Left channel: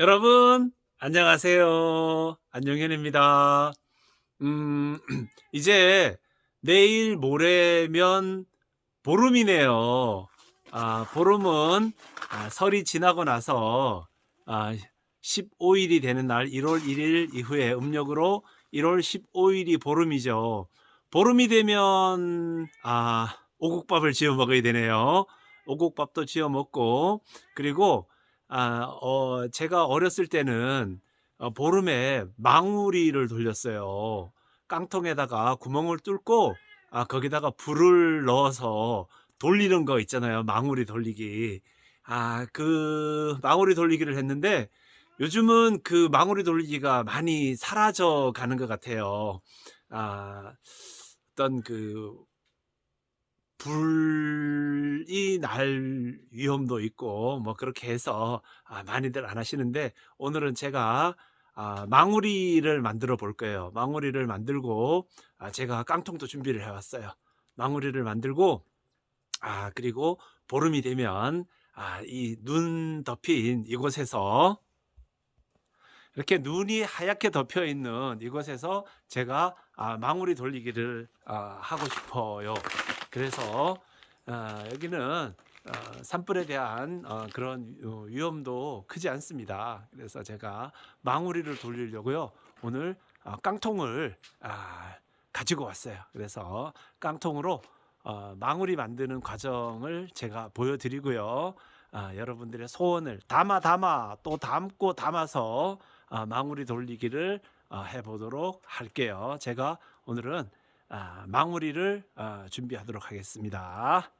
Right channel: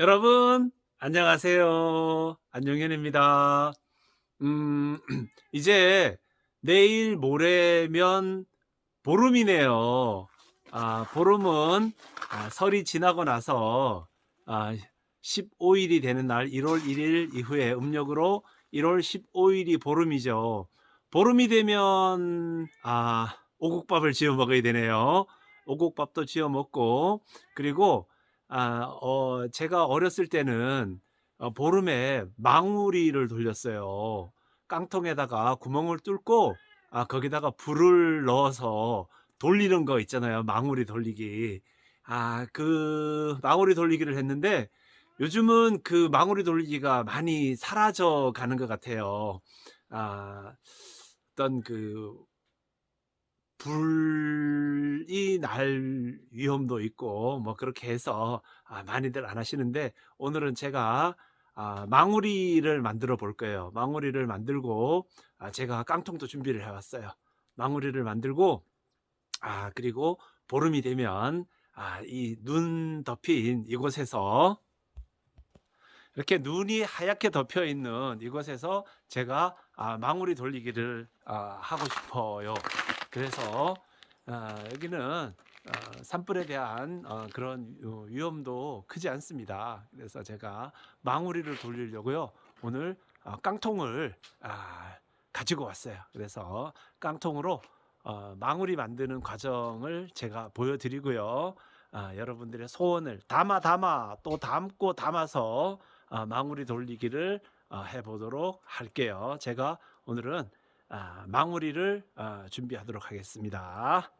여러분, 안녕하세요. 안녕현입니다. 음, 이제 내일 모레면 보름이네요. 아, 보름은 아, 설이 지나고 나서 아, 15일이 되는 날 1월 1일 이후에 음력으로 1월 15일이 보름이죠. 보름이 되면 아, 오곡밥을 지어 먹어야 되네요. 오곡밥도 지어 먹고 그리고 아, 어, 제가 어렸을 때는 어, 보름에 망우리를 돌렸어요. 깡통에다가 구멍을 뚫고 아, 거기다가 불을 넣어서 돌리는 거 있잖아요. 망우리 돌리기. 아, 그 망우리 돌리기를 했는데 요즘은 그 망우리 돌리기가 많이 사라져 가는 것 같아요. 아, 어떤 그 불이 날 위험도 있고 뭐 그렇게 해서 아, 많이들 안 하시는데 오늘은 제가 아, 망우리를 만들어 볼 거예요. 망우리를 만들고 아, 제가 깡통도 준비를 해왔어요. 망우리를 만들고 아 그리고 보름이 되면 아, 이 눈 덮인 이곳에서 이렇게 눈이 하얗게 덮여 있는 이곳에서 제가 아, 망우리 돌리기를 아, 하고 싶어요. 그래서 아, 여기는 어, 산불에 대한 어, 그런 어, 위험도 크지 않습니다. 그래서 제가 망우리를 돌리려고요. 오늘 어, 깡통을 아, 가지고 왔어요. 그래서 깡통으로 어, 망우리 만드는 과정을 제가 보여드리고요. 아, 여러분들의 소원을 담아 담아 또 담고 담아서 아, 망우리 돌리기를 어, 해보도록 할게요. 제가 오늘은 아, 망우리를 아, 준비하도록 하겠습니다.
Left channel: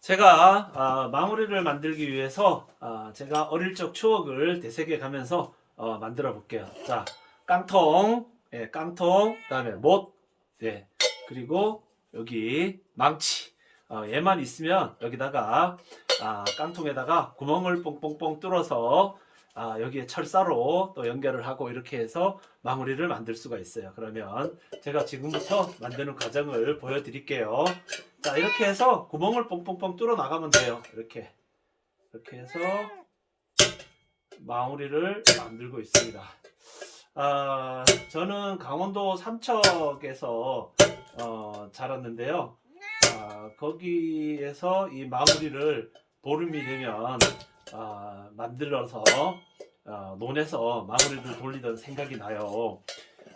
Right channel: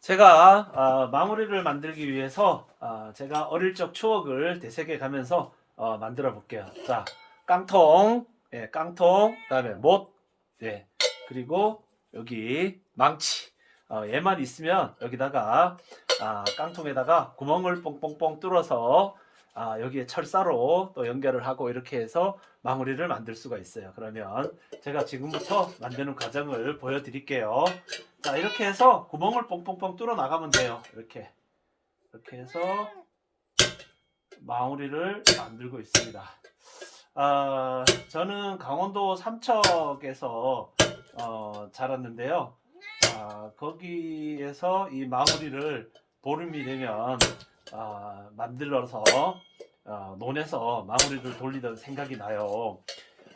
제가 아, 망우리를 만들기 위해서 아, 제가 어릴 적 추억을 되새겨 가면서 어, 만들어 볼게요. 자, 깡통, 예, 깡통, 그다음에 못, 예, 그리고 여기 망치. 어, 얘만 있으면 여기다가 아, 깡통에다가 구멍을 뽕뽕뽕 뚫어서 아, 여기에 철사로 또 연결을 하고 이렇게 해서 마무리를 만들 수가 있어요. 그러면 제가 지금부터 만드는 과정을 보여드릴게요. 자, 이렇게 해서 구멍을 뽕뽕뽕 뚫어 나가면 돼요. 이렇게. 이렇게 해서 마무리를 만들고 있습니다. 아, 저는 강원도 삼척에서 어, 자랐는데요. 아, 거기에서 이 마무리를 보름이 되면 아, 만들어서 어, 논에서 마무리를 돌리던 생각이 나요.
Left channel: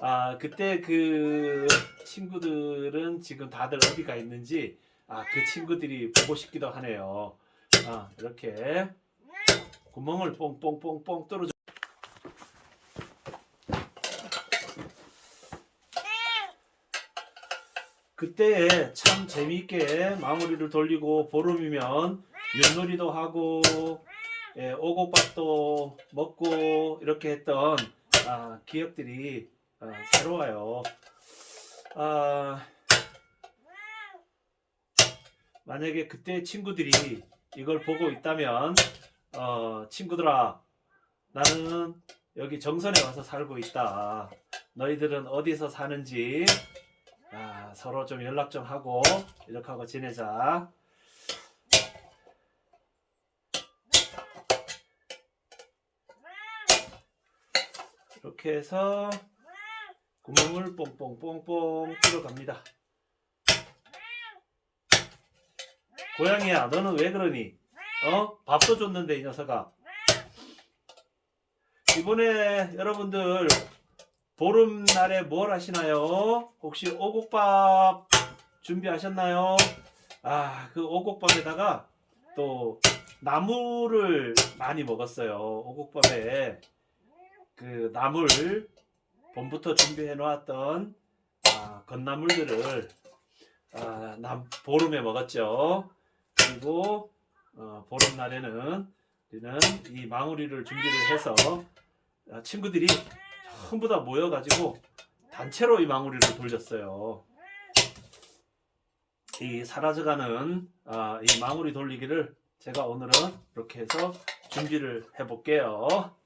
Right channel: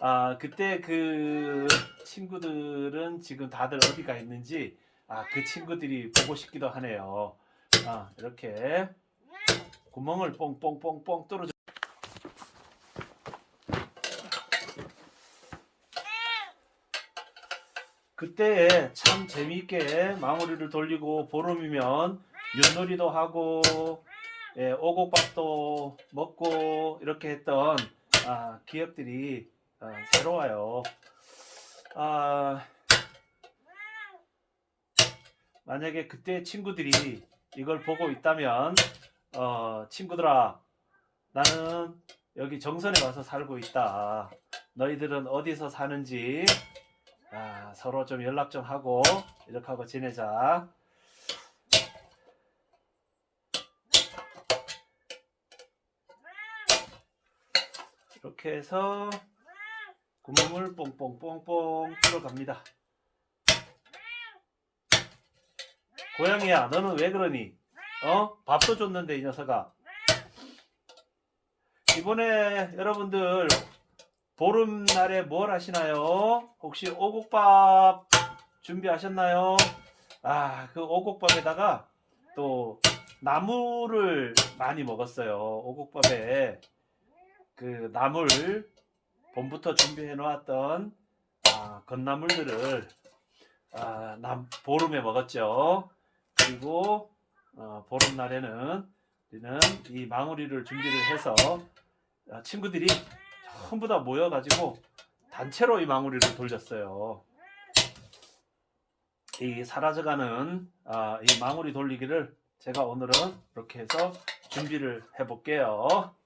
아, 그때 그 친구들은 지금 다들 어디가 있는지 아, 그 친구들이 보고 싶기도 하네요. 아, 이렇게 구멍을 뽕뽕뽕뽕 뚫어줘. 그때 참 재미있게 마무리를 돌리고 보름이면 윷놀이도 하고 예, 오곡밥도 먹고 이렇게 했던 아, 기억들이 어, 새로워요. 아, 만약에 그때 친구들이 이걸 보고 있다면 어, 친구들아 나는 여기 정선에 와서 살고 있다. 너희들은 어디서 사는지 아, 서로 좀 연락 좀 하고 이렇게 하고 지내자. 이렇게 해서 구멍을 뽕뽕뽕뽕 뚫어갑니다. 고양이야, 너는 왜 그러니? 어? 밥도 줬는데 이 녀석아. 이번에 여러분들 보름날에 뭘 하시나요? 혹시 오곡밥 준비하셨나요? 아, 그 오곡밥에다가 또 나물을 많이 먹었어요. 오곡밥에 그 나물 봄부터 준비해 놓았던 아, 건나물들을 아, 남, 보름에 먹었죠. 그리고 어, 보름날에는 우리는 이 망우리를 준비를 해서 아, 친구들이 전부 다 모여가지고 단체로 이 망우리를 돌렸어요. 이 사라져가는 아, 이 망우리 돌리기를 제가 오늘은 이렇게 해서 준비를 해볼게요.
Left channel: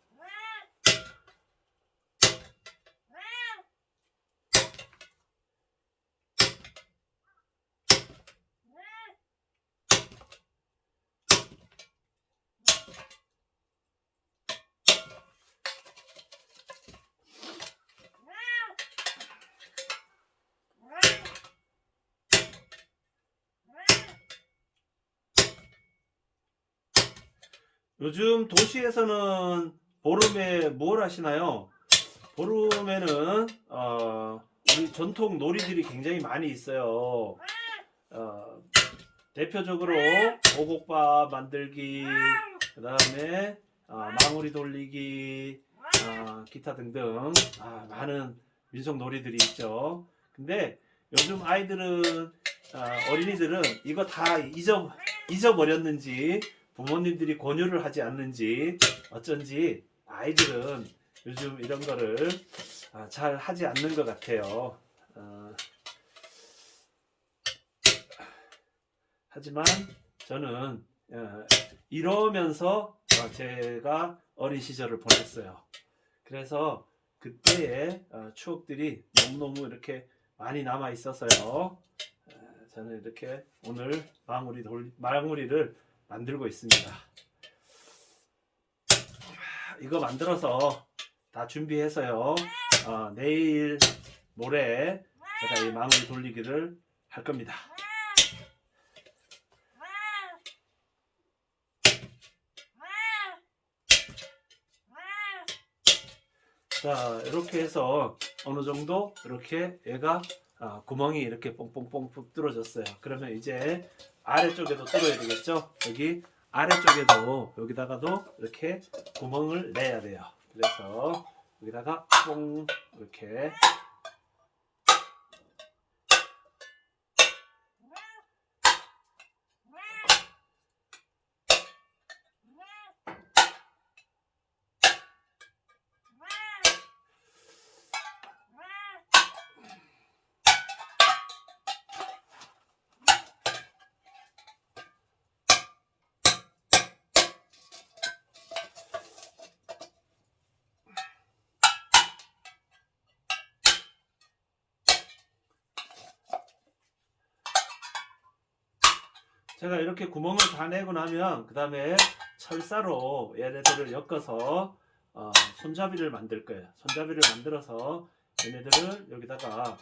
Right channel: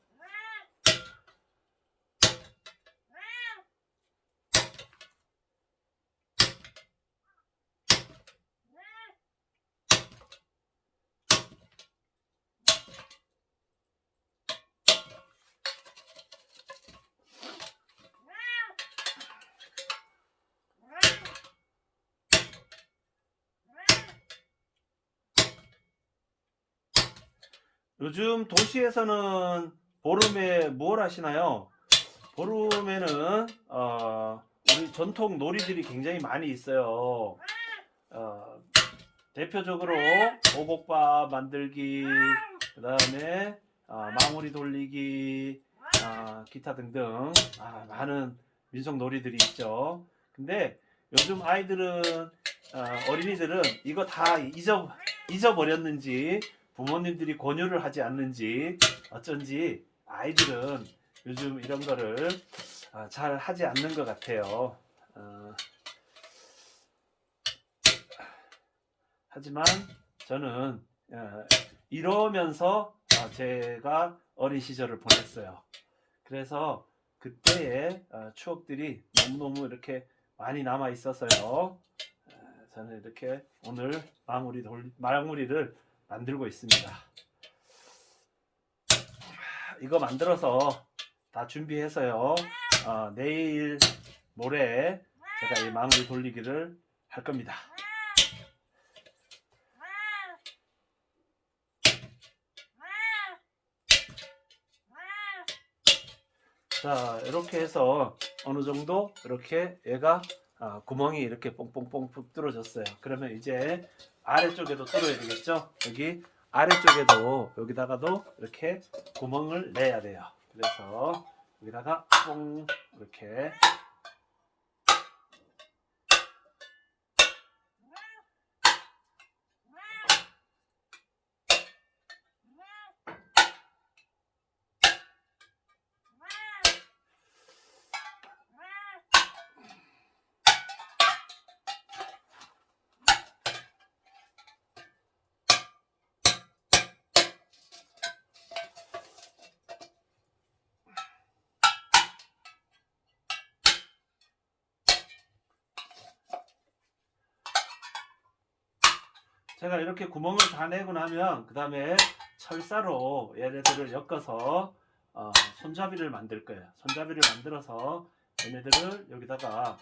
요즘 도시에서는 보름에 뭘 하시나요? 보름에는 어, 우리 전통 놀이들이 굉장히 많이 있어요. 어, 대표적으로 오곡밥 만들기, 그 다음에 어, 망우리 돌리기, 어, 기타 등등 아, 많은 민속 놀이들이 있죠. 근데 요즘 아이들은 아, 어린이들은 이거 다 잊어 잊어버렸는지 부모님들이 권유를 하지 않는지 어쩐지 아이들은 요즘 이런 거를 아, 잘 하지 않는 것 같아요. 어, 하지만 저는 어, 이러면서 어, 제가 어린 시절을 보냈어요. 그래서 그때의 어, 추억들이 너무너무 이렇게 많이 남아 있어서요. 어, 저는 이렇게 오늘 망우리 돌 망우리를 만들고 있습니다. 이거 만들어서 다 준비해서요. 어, 내일 모레 제가 이 망우리 돌리기를 할 겁니다. 자 이렇게 해서 어느 정도 이렇게 얘가 아, 구멍이 이렇게 뽕뽕뽕 뚫어졌어요. 그러면 이제 아래쪽에도 뚫어야 되겠죠? 여기 아래쪽에도 여기다가도 이렇게 구멍을 내야 돼요. 그래서 여기다가 뽕 이렇게 제가 이렇게 구멍을 다 내고 나면 그 다음에 철사로 얘네들을 엮어서 어, 손잡이를 만들 거예요. 손잡이를 만들어서 얘네들을 여기다가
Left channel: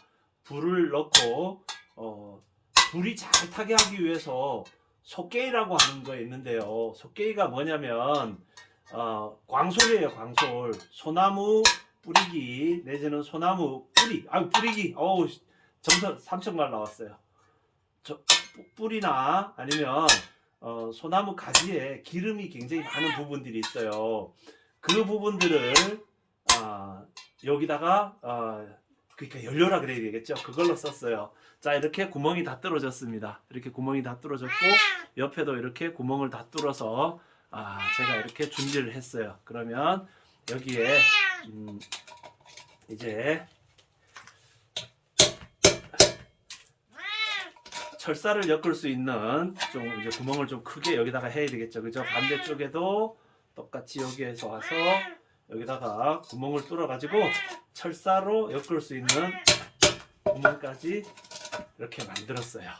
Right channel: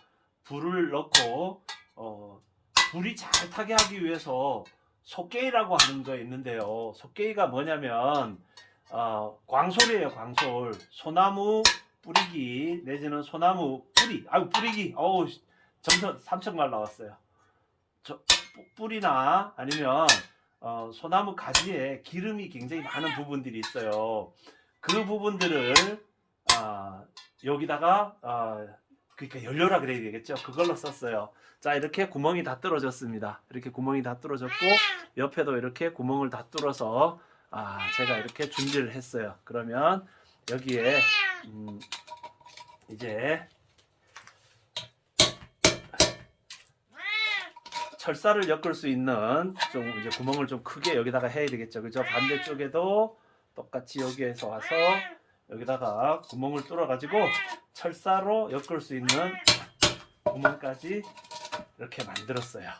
불을 넣고 어, 불이 잘 타게 하기 위해서 속개이라고 하는 거 있는데요. 속개이가 뭐냐면 어, 광솔이에요. 광솔. 소나무 뿌리기 내지는 소나무 뿌리. 아유 뿌리기. 어우 점점 삼천말 나왔어요. 저, 뿌- 뿌리나 아니면 어, 소나무 가지에 기름이 굉장히 많은 부분들이 있어요. 그 부분들을 아, 여기다가 어, 그러니까 연료라 그래야 되겠죠. 그걸로 썼어요. 자 이렇게 구멍이 다 뚫어졌습니다. 이렇게 구멍이 다 뚫어졌고 옆에도 이렇게 구멍을 다 뚫어서 아, 제가 이렇게 준비를 했어요. 그러면 여기에 음, 이제 철사를 엮을 수 있는 좀 이제 구멍을 좀 크게 여기다가 해야 되겠죠. 그죠? 반대쪽에도 똑같이 여기에서 와서 여기다가 구멍을 뚫어 가지고 철사로 엮을 수 있는 구멍까지 이렇게 만들었어요.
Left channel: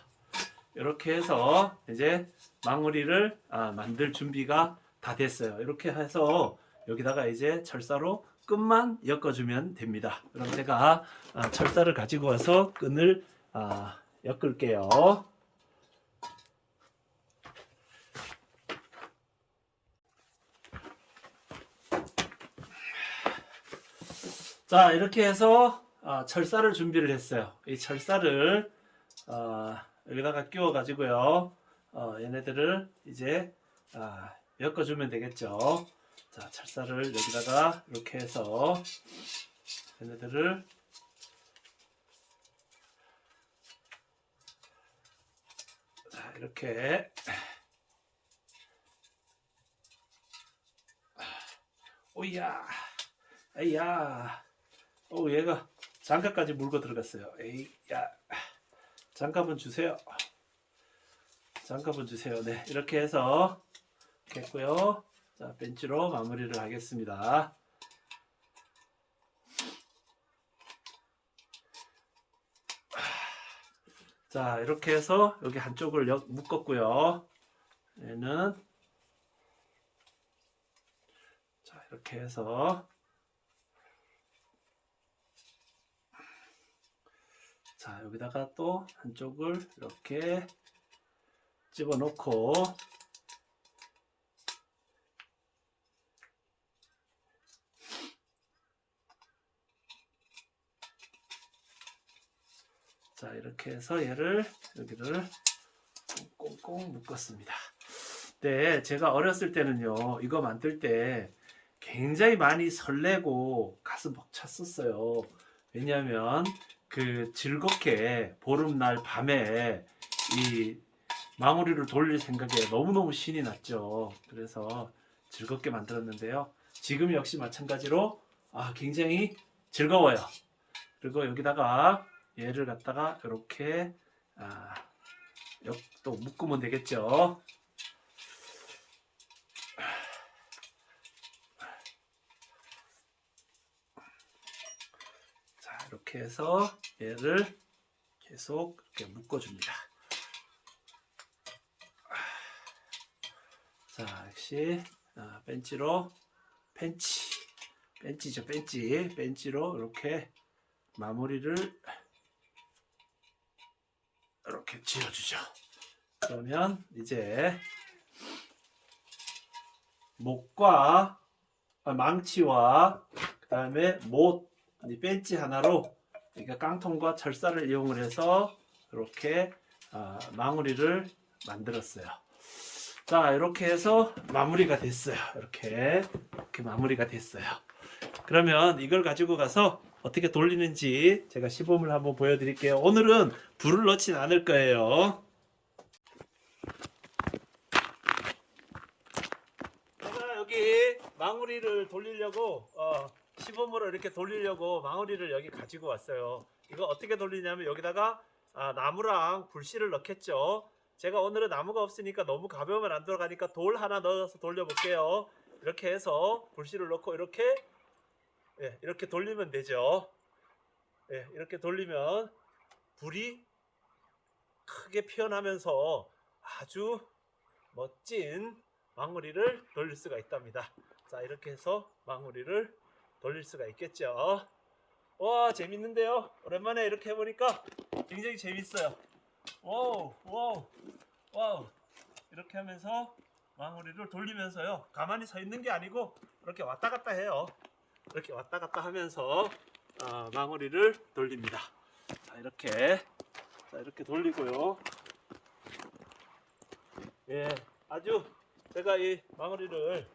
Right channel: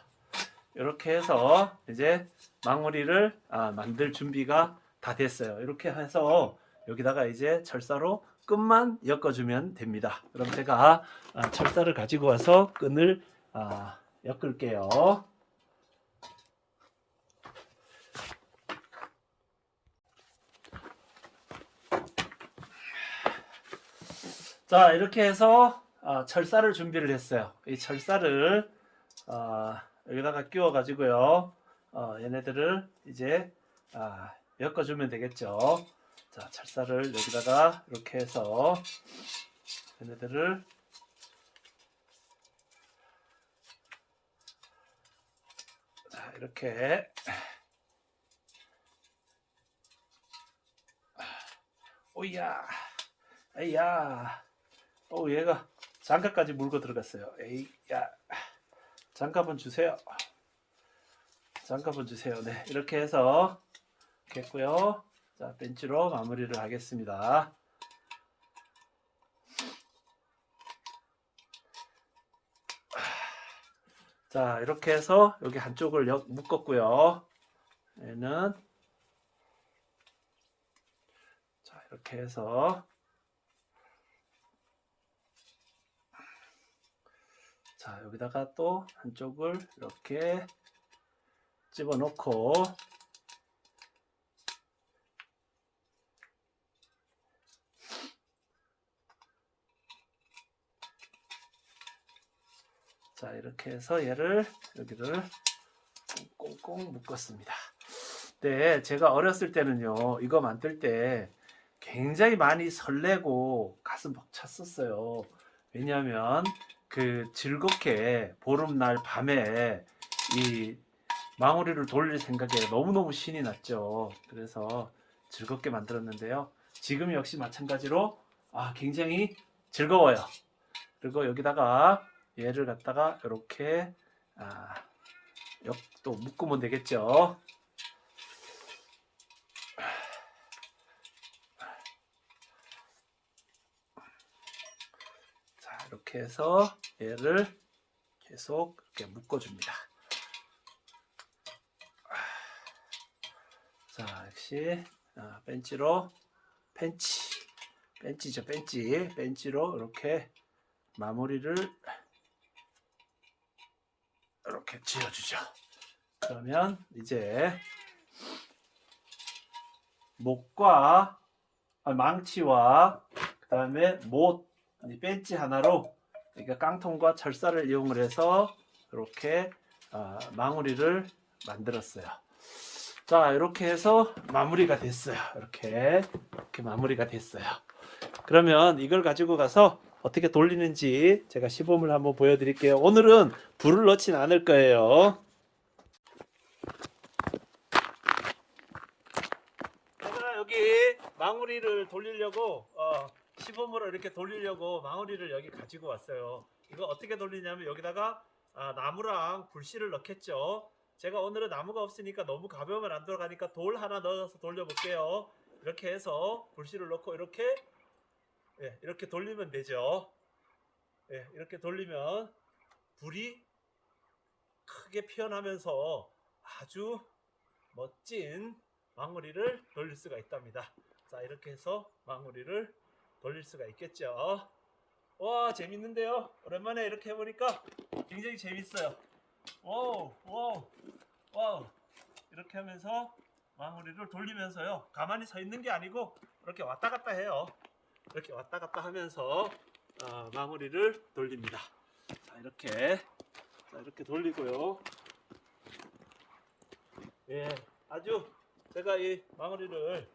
이렇게 해서 이제 망우리를 아, 만들 준비가 다 됐어요. 이렇게 해서 여기다가 이제 철사로 끈만 엮어주면 됩니다. 그럼 제가 아, 철사를 가지고 와서 끈을 아, 엮을게요. 자 이렇게 해서 아, 철사를 준비를 했어요. 이 철사를 아, 여기다가 끼워 가지고요. 어, 얘네들을 이제 아, 엮어주면 되겠죠. 자 철사를 여기다가 이렇게 해서 얘네들을 자 이렇게. 오야 에이야. 어 얘가 장갑까지 물고 들어갔어요. 에이야 장갑은 주세요. 장갑은 주세요. 네 이렇게 해서 했고요. 자 벤치로 마무리를 하겠습니다 자 이렇게 해서 여기 한쪽을 역- 묶었고요. 얘는 자 이렇게 해서 자 여기다가 또 한쪽을 이렇게 집어넣고 자 이렇게 해서 얘를 여기를 꽁꽁 묶었습니다. 네, 제가 어렸을 때는요 이거 만들 때 굉장히 많이 설레고 가슴 벅찼었어요. 왜냐하면 그 즐겁게 보름날 밤에 이 망우리를 돌릴 생각에 너무너무 신이 났죠. 그래서 즐겁게 만들었는데요. 지금 역시 마찬가지로 아, 굉장히 즐거워요. 그리고 여기다가 얘를 갖다가 이렇게 아, 역- 또 묶으면 되겠죠. 자, 이렇게 해서 얘를 계속 이렇게 묶어줍니다. 자, 역시 아, 벤치로 벤치, 벤치죠, 벤치, 벤치로 이렇게 마무리를 이렇게 지어주죠. 그러면 이제 목과 아, 망치와 그 다음에 못, 이 벤치 하나로 그러니까 깡통과 철사를 이용을 해서 이렇게 아, 마무리를 만들었어요. 자, 이렇게 해서 마무리가 됐어요. 이렇게 이렇게 마무리가 됐어요. 그러면 이걸 가지고 가서 어떻게 돌리는지 제가 시범을 한번 보여드릴게요. 오늘은 불을 넣진 않을 거예요. 제가 여기 망우리를 돌리려고 어, 시범으로 이렇게 돌리려고 망우리를 여기 가지고 왔어요. 이거 어떻게 돌리냐면 여기다가 아, 나무랑 불씨를 넣겠죠. 제가 오늘은 나무가 없으니까 너무 가벼우면 안 들어가니까 돌 하나 넣어서 돌려볼게요. 이렇게 해서 불씨를 넣고 이렇게 예, 이렇게 돌리면 되죠. 예, 이렇게 돌리면 불이 크게 피어나면서 아주 멋진 망우리를 돌릴 수가 있답니다. 자, 이렇게 해서 망우리를 돌릴 수가 있겠죠. 와, 재밌는데요? 오랜만에 이렇게 해보니까 굉장히 재밌어요. 와우, 와우, 와우. 이렇게 하면서 망우리를 돌리면서요. 가만히 서 있는 게 아니고 이렇게 왔다 갔다 해요. 이렇게 왔다 갔다 하면서 어, 망우리를 돌립니다. 자, 이렇게. 자, 이렇게 돌리고요. 예, 아주 제가 이 마무리를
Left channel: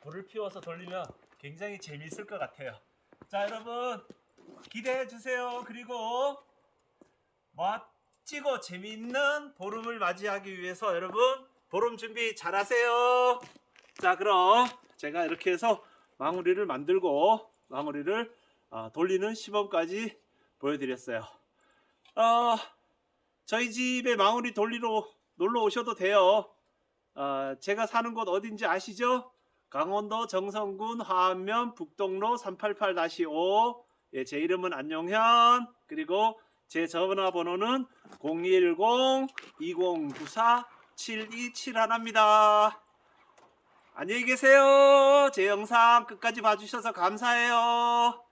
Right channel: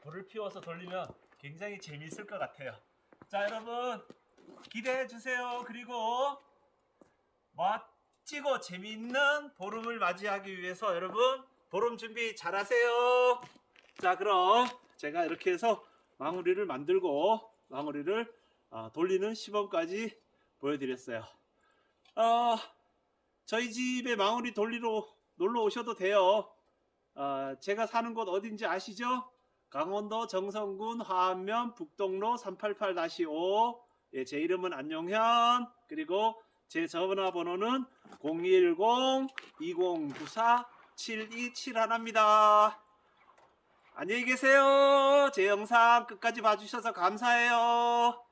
불을 피워서 돌리면 굉장히 재미있을 것 같아요. 자, 여러분 기대해 주세요. 그리고 멋지고 재미있는 보름을 맞이하기 위해서 여러분 보름 준비 잘 하세요. 자, 그럼 제가 이렇게 해서 마무리를 만들고 마무리를 어, 돌리는 시범까지 보여드렸어요. 어, 저희 집에 마무리 돌리러 놀러 오셔도 돼요. 어, 제가 사는 곳 어딘지 아시죠? 강원도 정선군 화암면 북동로 388-5 예, 제 이름은 안용현 그리고 제 전화번호는 010-2094-7271입니다. 안녕히 계세요. 제 영상 끝까지 봐주셔서 감사해요.